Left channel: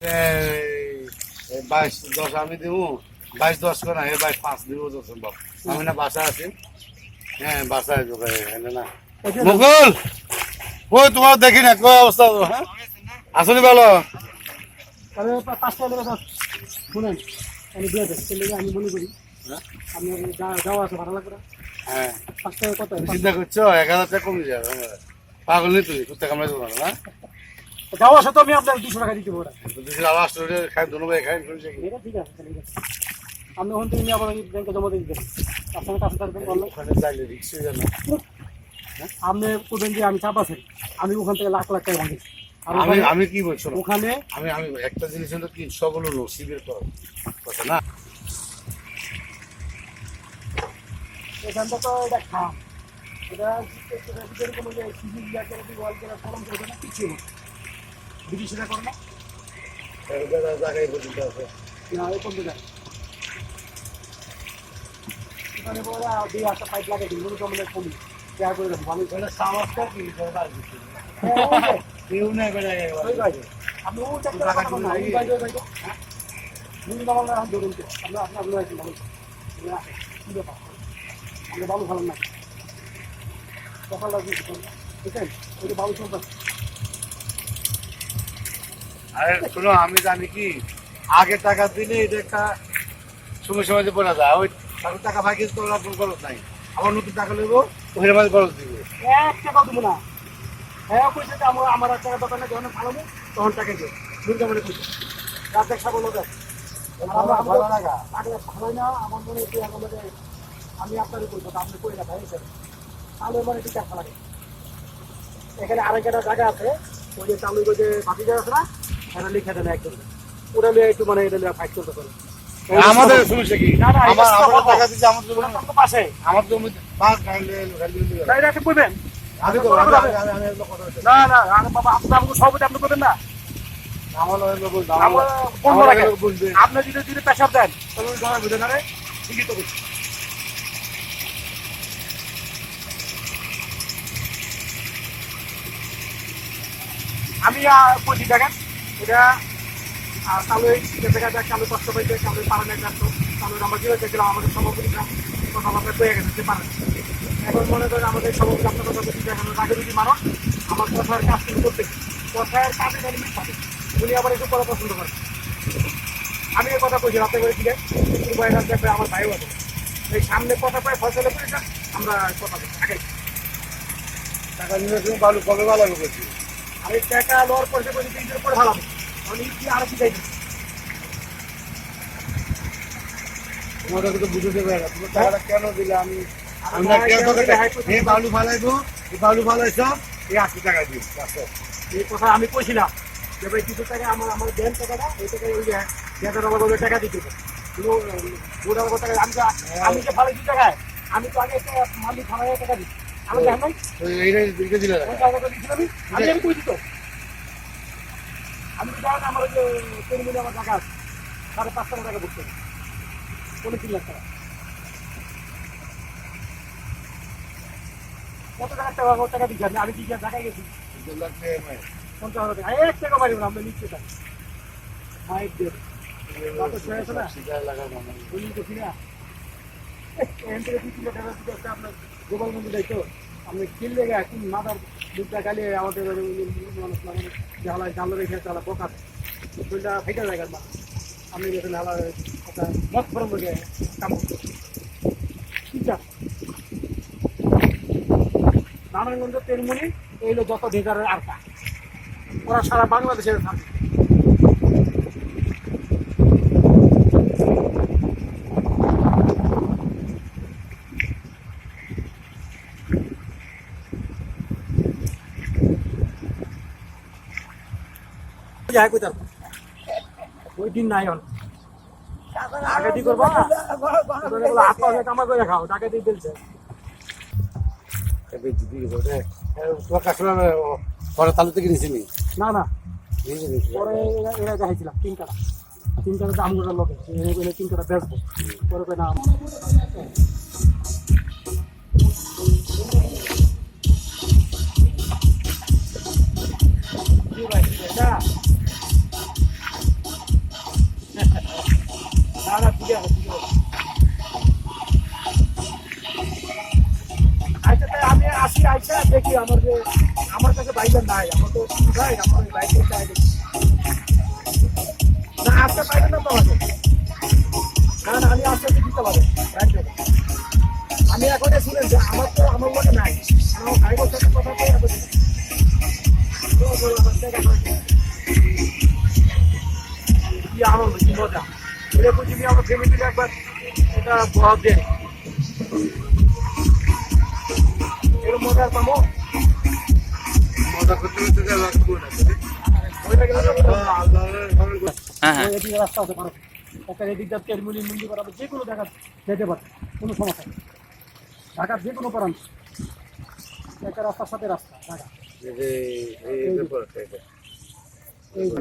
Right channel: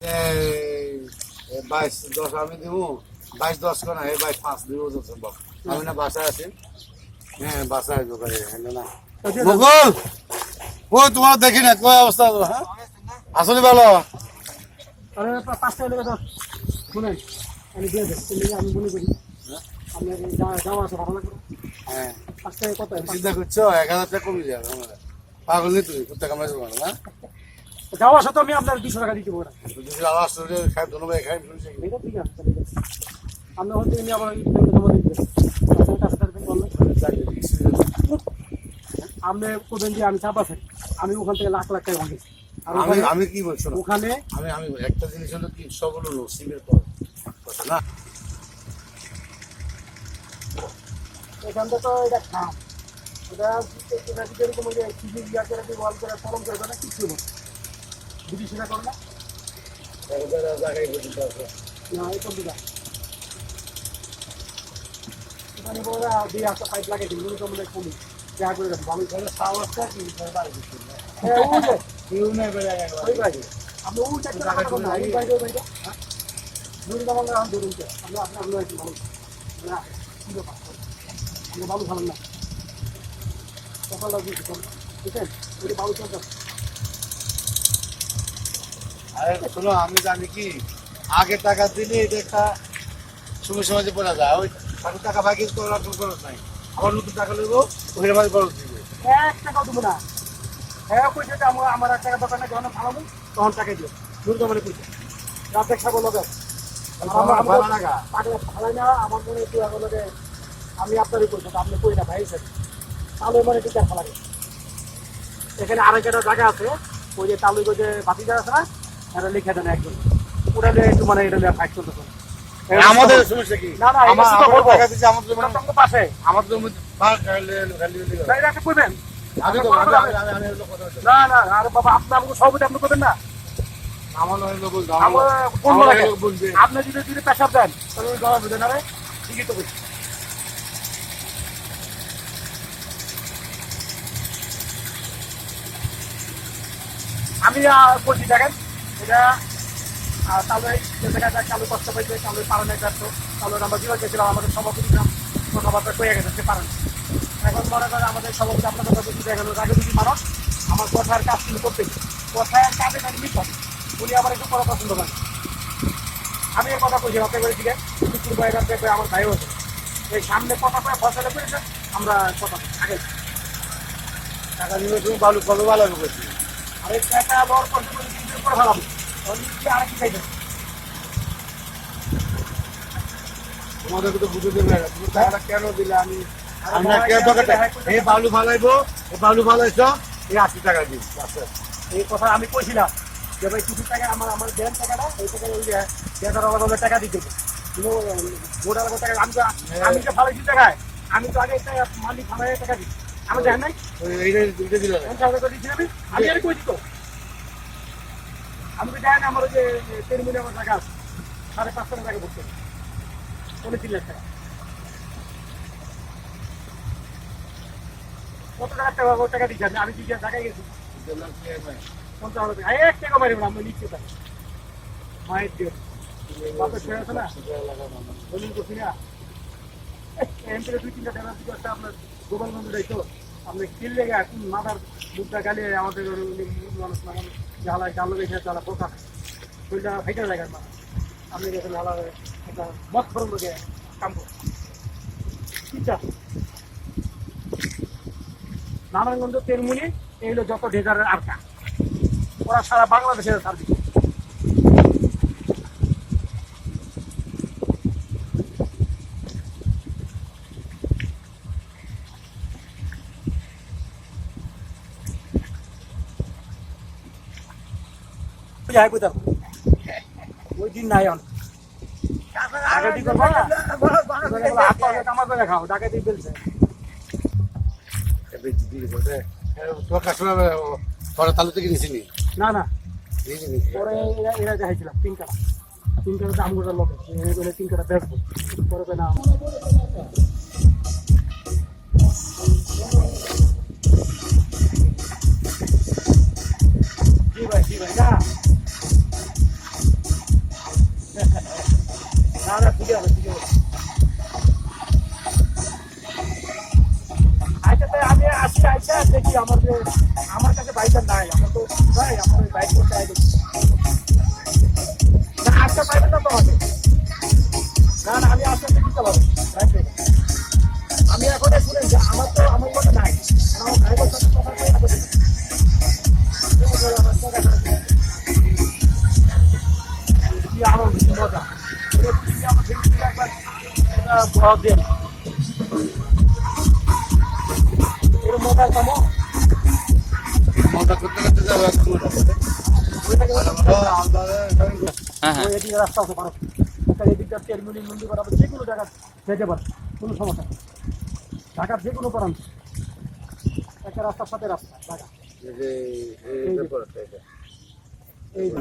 22-10 আমি দিব, 22-10 করে না, 22-5 দিব তো সম্ভব। আমি না বাসা আছি, হ্যাঁ বাসা আসবো না মুকুল, ও তোমার দেখি না কই অবস্থা, হ্যাঁ আসলে বলো। আরে 5টা হলে কথা শুনেন, আমি দিয়ে দেন, আমি মনে করি আপনার যাওয়া আছে ভালো লাগবে। হ্যাঁ 5টা কত চিন্তা করছো 1000 টাকা কমে যাবে, পাগল নেই তুই কুত্তা কামড়াতে পারো না। যাওয়া আসা তো আমি আপনার 200 টাকা দিতে পারবো। যদি আওয়াজ করে খাই ধন্যবাদ খাই ঠিক আছে ঠিক আছে, আপনি হন তুমি আবার ব্যাংকে জমা দিন, আপনার কাছে থাকবেন বললেন আপনি কোথাও দিয়ে আমি চাপ আছে, আমি ওখান থেকে লাখ লাখ টাকা ভাঙি। আর আমি কি বলছো ওখানে আমি একটা জিনিস হলো কি সবগুলো নসিবের কথা না। এখানটা তো এটা খাম, এটা যেরকম ওই যে সিজি ইয়া করে দিয়ে ওয়াল করে ফরম করবে না, কিছু না বিদেশিরা করে না, জায়গায় বলতে আছে না এই পর্যন্ত যায় ওখানে পরে দিয়ে একটা পাইপ লাগিয়ে দিন, মনে কমলে কমি যা করে দেবো ভালো সাহসটা কি ওই বাইরে আপনি ওই চারটে টাকা পাবেন না, ওই বাইরে ওই বাইরে নুন কামাল এখন ধরুন তো আপনার আপনার আছে ভালো কী ব্যাপার আপনি ভালো ভালো না সকালটা বুঝছেন বুঝছেন ওই ভালো চলবে। আরে শোনো আমি জানি কি আগে টাকা দিলে এটা একটা সময় সময় যে পড়া যায়, ওই টাকা ভাই কিছু করার কোনো খরচ নাই, আবার নতুন টাকা নেবো ওই মাঝে খরচ দিবে। 1 টাকাও দেবো না, হ্যাঁ কইছে যে আমার 1 টাকা দোকানে যখন ফালাবো তখন টাকা দিও দুর্গা মানে কইছে রাত এক সাগর লোক পাগলা ফালাই না, আমার মনে একটু এখন লোকে আমি আপনারই কইছি আপনি কই না ভাই স্যার তালু মানে টিকার ফালাবে। এখানে আরেকটা জায়গা আছে ওই যে তালু যে বাতি জায়গা আছে না, এটা লিখে দেন একজন, ওটা নিয়ে একটু মানে এটা নিয়ে ফাইট করতে পারে। আমাদের সমস্যা কি না না এটা শুধু বলবো টাকা দিচ্ছে আমাদের জন্য আপনার পাশে আমাদের জন্য ভাগ খাইলে তাই রাখে বলবেন আমি তো না না আরে বাবা আপনি আমাকে সবটা আপনি করবেন না, আপনি যদি পেশাব দেন তাহলে ওই গলা বুঝে না রে ঠিকই তো করছি। আমি বলছি দেখেন এটা তাহলে দেখা যায় কালো কষ্ট পাইতে কালো পারানো যাচ্ছ তাহলে আমরা কীভাবে গেছিলাম আমাদের সভাপতি কথাবার্তা পেয়ে গেছে সে পারেন। এখন মনে করেন আমাদের সভাপতি আপনার কথা বলছি দেখেন রাজনীতি মানুষ আমার কথার কাজ কিন্তু করতে কথার কাজে কাজে মিট থাকে, উনি আবার একটু করা পছন্দ করেন। আমি এই কথা বলছি আপনি করেছিলেন আমার ভাইও আছে এই সামনে কথা পায় ফসলে করে আমরা কথা আগে টাকা নিয়ে তুমি ভালো কবে ভালো করছি আর এই টাকা লওয়ার পয়সা করে করে ভালাম আরো শিখাইতে তোমাদেরকে তো বুঝে দেবে না তুমি টাকাটা কেন দিলে আমি আমরা কেন এই বালু ফালাইবো এই বালু ফালাইছ এই 80 টাকা দিই এই কথা আমি কইছিলাম যে ভাই কিছু টাকা আমার দেন টাকাটা এই টাকা ওই যে আলাদা টাকা দিতে কিন্তু বোর্ড আলাদা টাকা আমি তো ফালাইছি টাকায় আমি তো আগে একটা মালিক খামারে টাকা দিই আমি দেখেন নাই এইটা দিলে আমি আমি কইছি তো আমি তো জানি আমার ওই যে 3 মিলিয়ন টাকা আছে 5.5 টাকা করতে 3 লাখ টাকা কত টাকা দিচ্ছি আমি কি জায়গায় গেছি 1 টাকা মারিব আমরা নিচ্ছি মায়ের দিয়ে বাপের শেয়ার আছে না বলুন তো কিনা এম থেকে 2-3 টাকা আপনার গোপালগঞ্জ যাইতো আপনি কিনলে এখন মাথার দুধটা গালিয়ে আমাদের মানুষ মানে জ্বালায় জানলো রেখে তারা বোকা দুইটা ফেটে জায়গার মানুষ আপনি গেছেন হালা একটা মত ফরম লোকে কাম করতে ঠিক আছে। নারায়ণগঞ্জ তেলমুনি এই হলো যত ডেজারের আরকা ওরা সারা বাংলাদেশের থাকবে। ওই দিন নাই ডাকাতি করবো না কামা করে খাও ডাকাতি বলছে পরে তালু থেকে নিছিনি না না পরে এরা দেখাইছিলাম 3 টাকা দাম গোটার লোকে 3 টাকা বেচবো পরে না জি ভাই না আমার যে আমার কাছে বাইকের নাই, আমার তো ভাই আমার ওই বাইকের চাই দেখি না, আজকে পাইবেন না তো আমাকে, না না আমি আজকে দিতে পারবো, আমি এখন শুনেন যে আমার তো আমার মতো নাই, আমার ভাইবোর সাথে কথা বলে এত দিন। কি আনন্দ, কি মজা, এটা বুঝি আমার ফ্যামিলি একবার এটা বহুত দেন এরকম মজার কামো মজা করতে করতে যা লাগছে হ্যাঁ হ্যাঁ এদিকে রাস্তা আছে পারো, ওখানে এদিক দিয়ে তেলমুলি মুন্ডি বরাবর যে কোনো জায়গা যেতে পারে, কোনো সমস্যা নেই। ঢাকার যে কোনো প্রান্ত একটা রাস্তার সাথে রাস্তা ঢাকা এই